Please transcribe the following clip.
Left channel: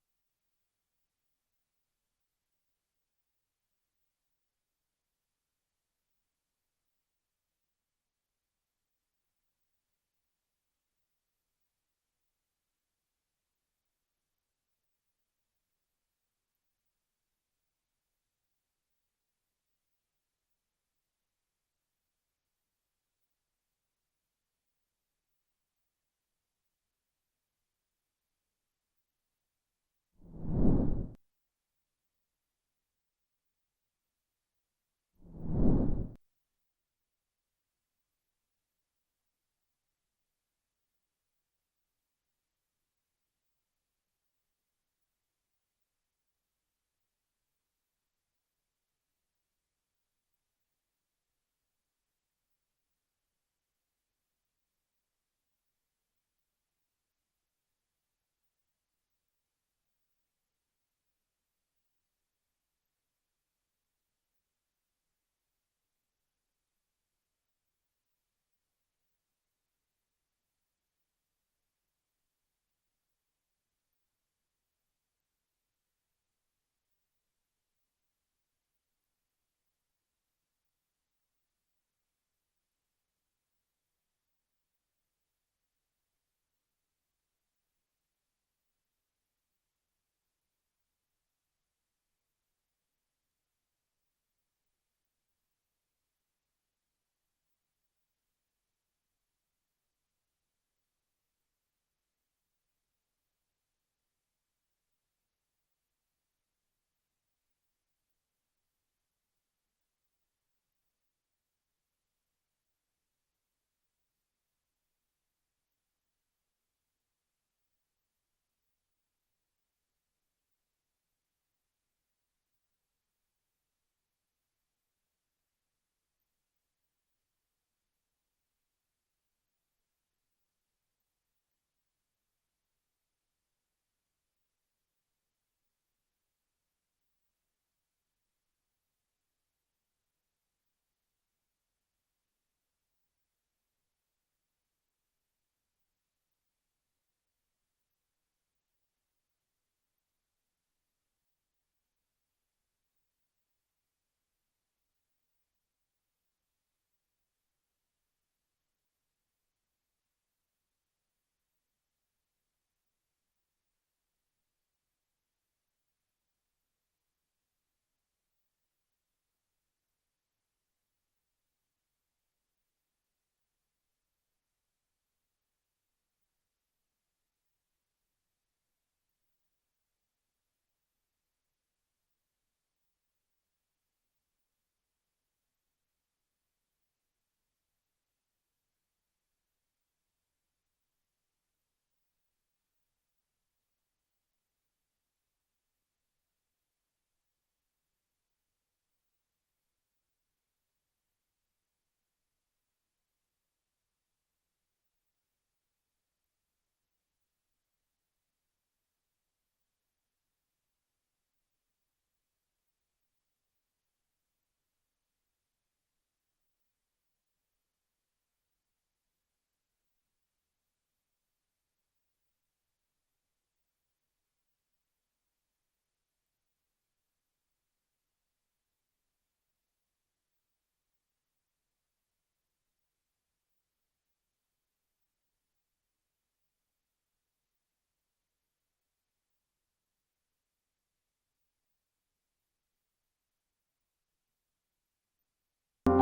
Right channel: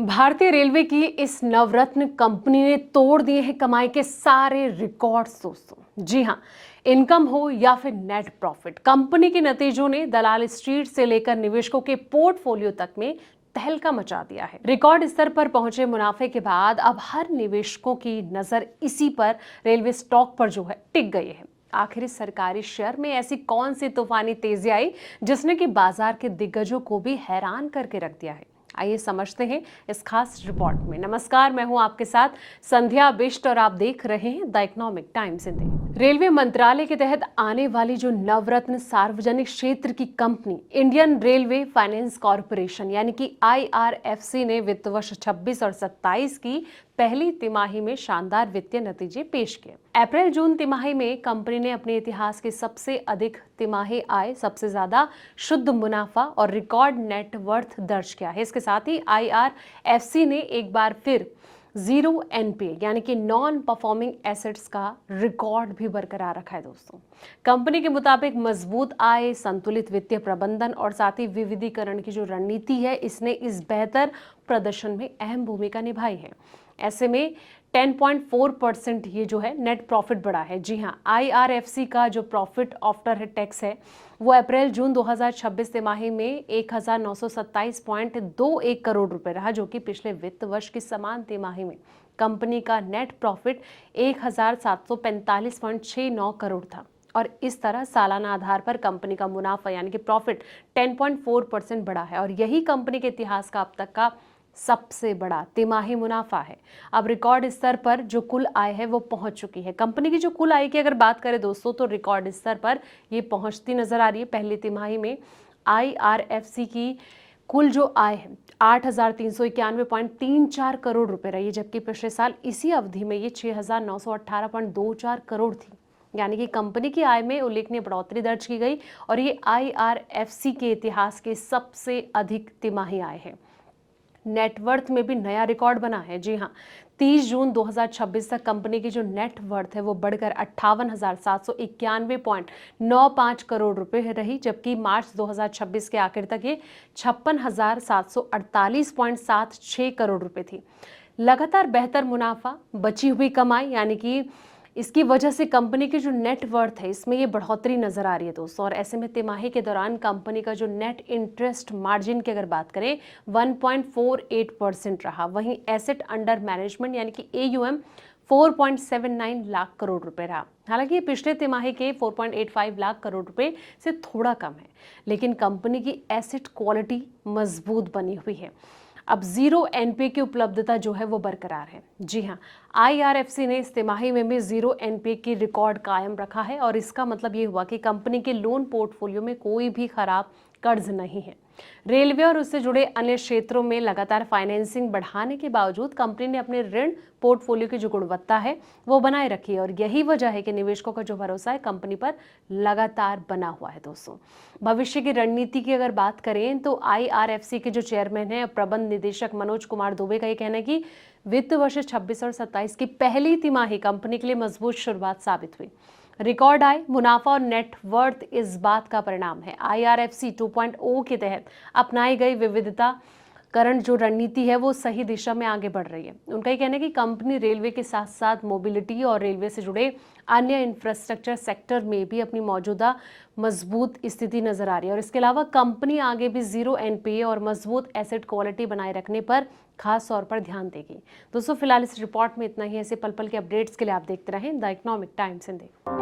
भारतीय रेलवे की इस नवरत्न कंपनी ने तोड़ दिए हैं कमाई के सारे रिकॉर्ड्स दोस्तों। जी हाँ, इनकम हो या फिर नेट प्रॉफिट, कंपनी के नतीजों ने दलाल स्ट्रीट से लेकर निवेशकों के पोर्टफोलियो तक में तहलका मचा दिया है। रिकॉर्ड स्तर पर पहुंचे मुनाफे के बाद अब हर निवेशकों की नजर इसी पर, रेलवे स्टॉक पर जो है टिक गई है। आखिर इस सरकारी शेयर में ऐसी कौन सी तूफानी तेजी आई जिसने कि बाजार के दिग्गजों को भी हैरान करके रख दिया है। आइए समझते हैं इस खास रिपोर्ट में। नमस्कार, मैं हूं आपके साथ संध्या बिष्ट और आप देख रहे हैं the economic times Hindi. Railway मंत्रालय के तहत आने वाली जो नवरत्न सार्वजनिक क्षेत्र की company Indian railway finance corporation यानी कि आईआरएफसी ने वित्त वर्ष 26 और 27 की पहली तिमाही में शानदार वित्तीय नतीजे पेश किए। अप्रैल जून तिमाही में कंपनी ने अपने इतिहास की सबसे अधिक तिमाही आय, सबसे ज्यादा शुद्ध मुनाफा और रिकॉर्ड नेट वर्थ दर्ज किया है। इसके साथ ही आईआरएफसी ने एक बार फिर जीरो एनपीए यानी कि नॉन परफॉर्मिंग एसेट्स का रिकॉर्ड भी बरकरार रखा है दोस्तों। कंपनी के मुताबिक मजबूत आय, संतुलित वित्तीय प्रबंधन और साथ ही विविधीकरण की जो रणनीति है, इसने इस बेहतर प्रदर्शन में अहम भूमिका निभाई है। ऐसे में 10.4% ये जो है नेट प्रॉफिट बढ़ा है। जी हाँ, आईआरएफसी का जो प्रॉफिट आफ्टर टैक्स है वो अप्रैल जून 2026 तिमाही में 1927.21 करोड़ रुपए रहा, जो कि पिछले वित्त वर्ष की समान तिमाही में कंपनी का नेट प्रॉफिट 1745.69 करोड़ था। और इस तरह सालाना आधार पर कंपनी का मुनाफा यानी कि प्रॉफिट 10.4% बढ़ा है और यही कंपनी के इतिहास का अब तक का सबसे बड़ा तिमाही मुनाफा है। अब रिकॉर्ड स्तर पर जो कुल आय है वो पहुंच चुकी है। कंपनी की जो कुल आय की अगर बात करें दोस्तों, तो रिकॉर्ड स्तर पर ये पहुंचती नजर आ रही है। पहली तिमाही में आईआरएफसी की कुल जो आय है 8,391.34 करोड़ रुपए रही है, जबकि पिछले साल इसी अवधि में ये 6,918.24 करोड़ थी। यानी कि कंपनी की आय में उल्लेखनीय बढ़ोतरी दर्ज की गई और ये आईआरएफसी के इतिहास की सबसे अधिक तिमाही आय है। नेटवर्थ में भी नया रिकॉर्ड बना है। जी हाँ, 30 जून 2026 तक कंपनी की जो नेट वर्थ है वो बढ़कर 58,791.95 करोड़ रुपए रही, जबकि मार्च 2026 के आखिर तक ये 56,748.76 करोड़ रुपए थी। लगातार बेहतर मुनाफा, बची हुई कमाई यानी कि इसकी वजह से कंपनी की जो नेट वर्थ है इसमें ये बढ़ोतरी नजर आ रही है दोस्तों। और ऐसे में तिमाही के दौरान कंपनी का जो नेट इंटरेस्ट मार्जिन की अगर बात करें 1.48% रहा। वहीं एसेट अंडर मैनेजमेंट यानी कि एयूएम 4.79 लाख करोड़ रुपए रहा। हालांकि ये पिछले तिमाही के 4.85 लाख करोड़ रुपए से थोड़ा कम है, लेकिन कंपनी की एसेट क्वालिटी मजबूत बनी हुई है। अब जीरो एनपीए की उपलब्धता जो है वो बरकरार है। जी हाँ, आईआरएफसी ने इस तिमाही में भी जीरो एनपीए की रिकॉर्ड कायम रखा है और इसका मतलब ये हुआ कि कंपनी के लोन पोर्टफोलियो में कोई भी खराब कर्ज नहीं है। रेलवे और उससे जुड़े अन्य क्षेत्रों में लगातार फाइनेंसिंग बढ़ाने के बावजूद कंपनी ने अपने ऋण पोर्टफोलियो की जो गुणवत्ता है वो बनाए रखी है और यही वजह है कि निवेशकों का जो भरोसा है कंपनी पर लगातार बना हुआ है दोस्तों। भविष्य की रणनीति की अगर बात करें तो आईआरएफसी के जो चेयरमैन है प्रबंध निदेशक मनोज कुमार दुबे का ये कहना है कि वित्त वर्ष 26 और 27 की पहली तिमाही कंपनी के लिए मजबूत शुरुआत साबित हुई। रिकॉर्ड आय, मुनाफा और नेट वर्थ इस बात का परिणाम है। आईआरएफसी 2.0 के तहत अपनाई गई विविधता करंट जो रणनीति है वो सही दिशा में आगे बढ़ रही है। उनका ये कहना है कि कंपनी रेलवे के साथ साथ मोबिलिटी और रेलवे से जुड़े अन्य इंफ्रास्ट्रक्चर सेक्टर में भी अपनी मौजूदा मजबूत स्थिति नजर आ रही है और इसके अलावा कंपनी आगे भी जीरो एनपीए और मजबूत एसेट क्वालिटी बनाए रखने पर खास तौर पर ध्यान देगी। दोस्तों, फिलहाल इस रिपोर्ट में इतना ही। ऐसे पल पल के अपडेट्स के लिए आप देखते रहें द इकोनॉमिक टाइम्स हिंदी।